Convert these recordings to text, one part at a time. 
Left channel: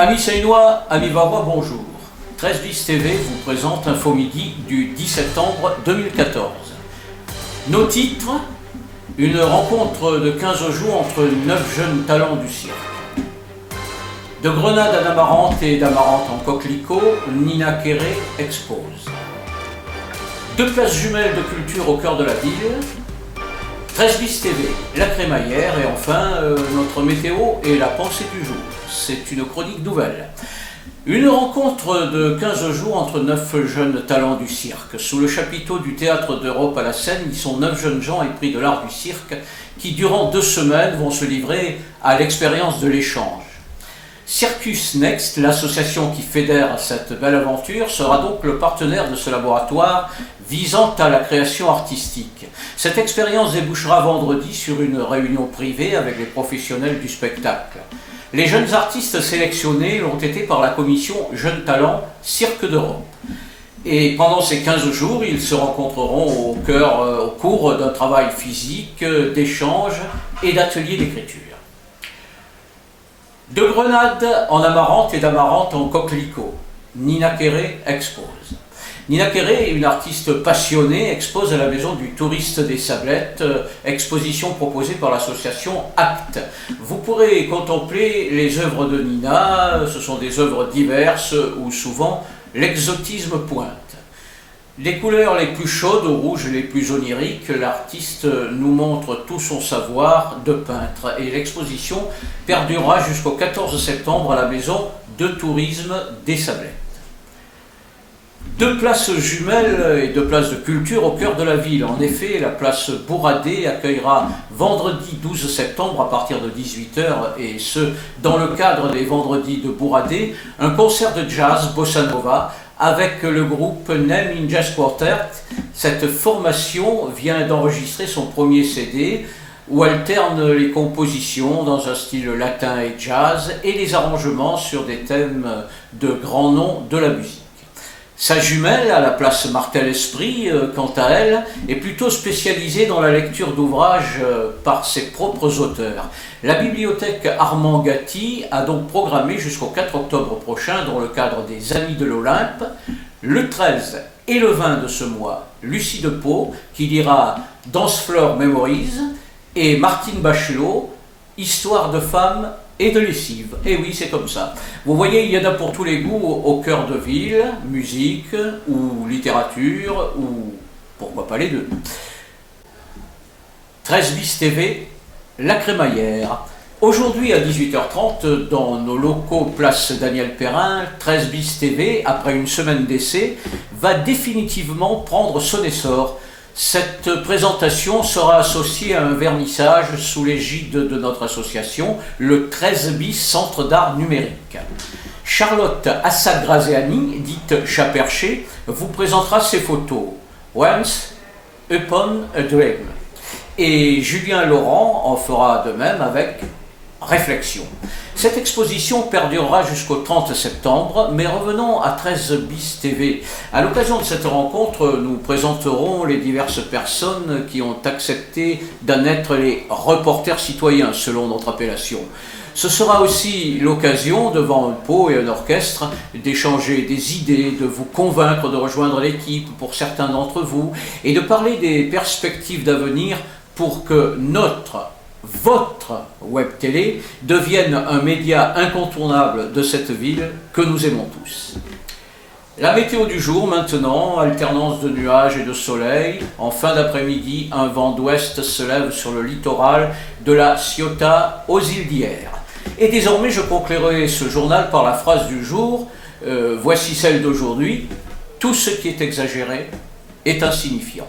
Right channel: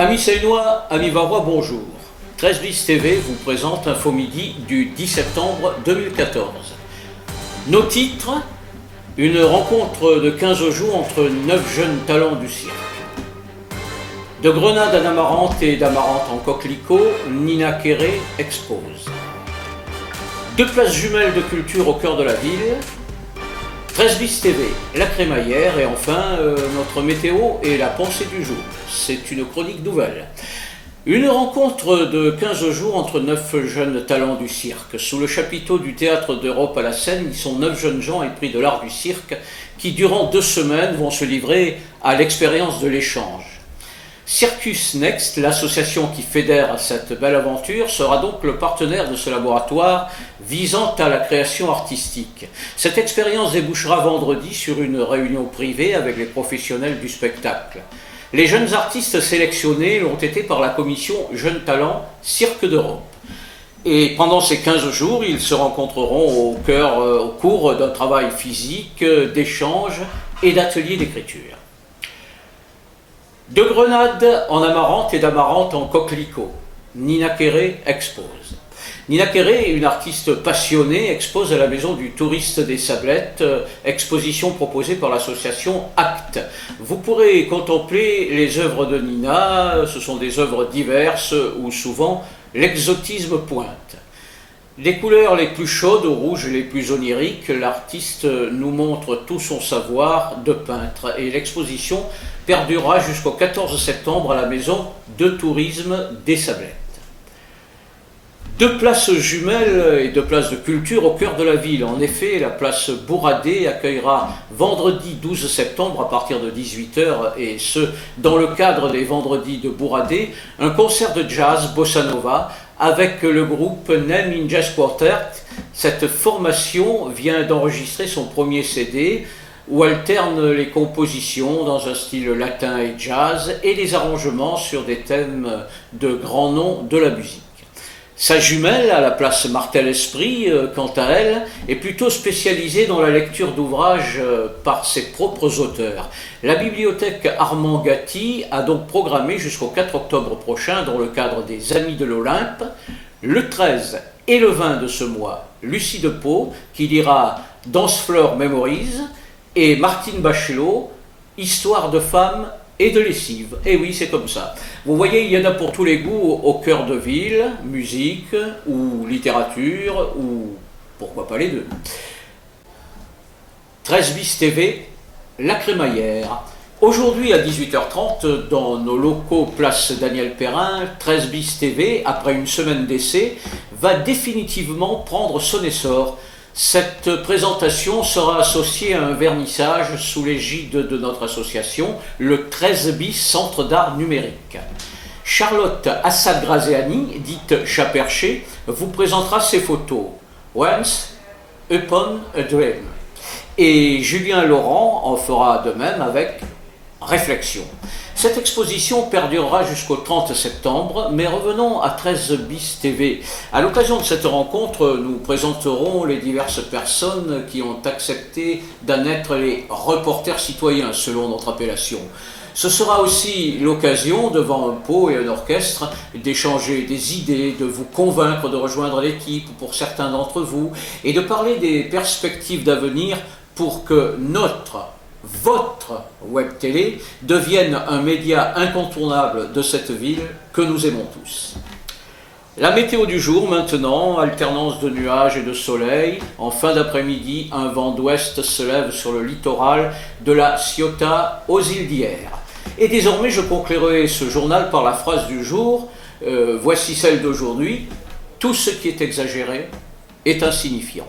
Amis Seinois, amis Varois, bonjour. 13 bis TV vous présente Info Midi du 10 septembre 2014. Nos titres: une rencontre de 15 jours entre 9 jeunes talents du cirque. De grenades à d'amarante et d'amarante en coquelicot, Nina Quéré expose. 2 places jumelles de culture au cœur de la ville. 13 bis TV, la crémaillère et enfin notre météo et la pensée du jour. C'est une chronique nouvelle. Une rencontre de 15 jours entre 9 jeunes talents du cirque. Sous le chapiteau du Théâtre d'Europe à la Seine, ils sont 9 jeunes gens épris de l'art du cirque qui, durant 2 semaines, vont se livrer à l'expérience de l'échange. Circus Next, l'association qui fédère cette belle aventure, sera donc le partenaire de ce laboratoire visant à la création artistique. Cette expérience débouchera vendredi sur une réunion privée avec les professionnels du spectacle. Les jeunes artistes sélectionnés l'ont été par la commission Jeunes Talents Cirque d'Europe. Et pendant ces 15 jours, ils se rencontreront au cours d'un travail physique, d'échange et d'ateliers d'écriture. De grenades en amarante et d'amarante en coquelicot, Nina Quéré expose. Nina Quéré, une artiste passionnée, expose à la Maison du Touriste des Sablettes, exposition proposée par l'association ACT. Vous pourrez contempler les œuvres de Nina, ce sont des œuvres diverses où souvent l'exotisme pointe. Les couleurs les plus chaudes aux rouges les plus oniriques, l'artiste nous montre tout son savoir de peintre et l'exposition perdurera jusqu'au 14 septembre à la Maison de Tourisme des Sablettes. 2 places jumelles et 2 places de culture au cœur de la ville. En effet, la place Bourradé accueillera vendredi 12 septembre à partir de 18h, et ce, dans le cadre des vendredis de Bourradé, un concert de jazz bossa nova avec le groupe Name in Jazz Quartet. Cette formation vient d'enregistrer son premier CD où alterne les compositions dans un style latin et jazz et les arrangements sur des thèmes de grands noms de la musique. Sa jumelle, à la place Martel-Esprit, quant à elle, est plutôt spécialisée dans la lecture d'ouvrages par ses propres auteurs. La bibliothèque Armand Gatti a donc programmé jusqu'au 4 octobre prochain, dans le cadre des Amis de l'Olympe, le 13 et le 20 de ce mois, Lucie de Pau, qui lira Danseflore Memories, et Martine Bachelot, Histoire de femmes et de lessive. Et oui, c'est comme ça. Vous voyez, il y en a pour tous les goûts au cœur de ville, musique ou littérature, ou pourquoi pas les deux. 13 bis TV, la crémaillère. Aujourd'hui à 18h30, dans nos locaux place Daniel Perrin, 13 bis TV, après une semaine d'essai, va définitivement prendre son essor. Cette présentation sera associée à un vernissage sous l'égide de notre association, le 13 bis Centre d'art numérique. Charlotte Assad-Graziani, dite Chaperché, vous présentera ses photos « Once Upon a Dream ». Et Julien Laurent en fera de même avec « Réflexion ». Cette exposition perdurera jusqu'au 30 septembre, mais revenons à 13 bis TV. À l'occasion de cette rencontre, nous présenterons les diverses personnes qui ont accepté d'en être les reporters citoyens, selon notre appellation. Ce sera aussi l'occasion, devant un pot et un orchestre, d'échanger des idées, de vous convaincre de rejoindre l'équipe pour certains d'entre vous, et de parler des perspectives d'avenir pour que votre web télé devienne un média incontournable de cette ville que nous aimons tous. La météo du jour maintenant, alternance de nuages et de soleil. En fin d'après-midi, un vent d'ouest se lève sur le littoral de la Ciotat aux îles d'Hyères. Et désormais, je conclurai ce journal par la phrase du jour, voici celle d'aujourd'hui: tout ce qui est exagéré est insignifiant.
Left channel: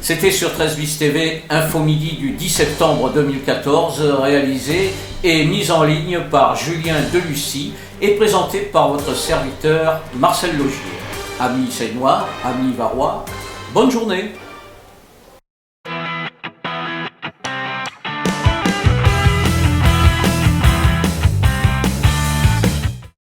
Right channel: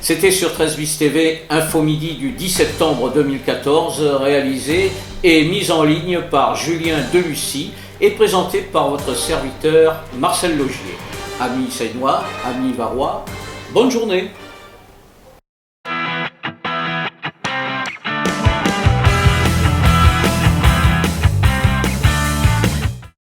C'était sur 13 bis TV, Info Midi du 10 septembre 2014, réalisé et mis en ligne par Julien Delucy et présenté par votre serviteur Marcel Logier. Amis Seinois, amis Varois, bonne journée!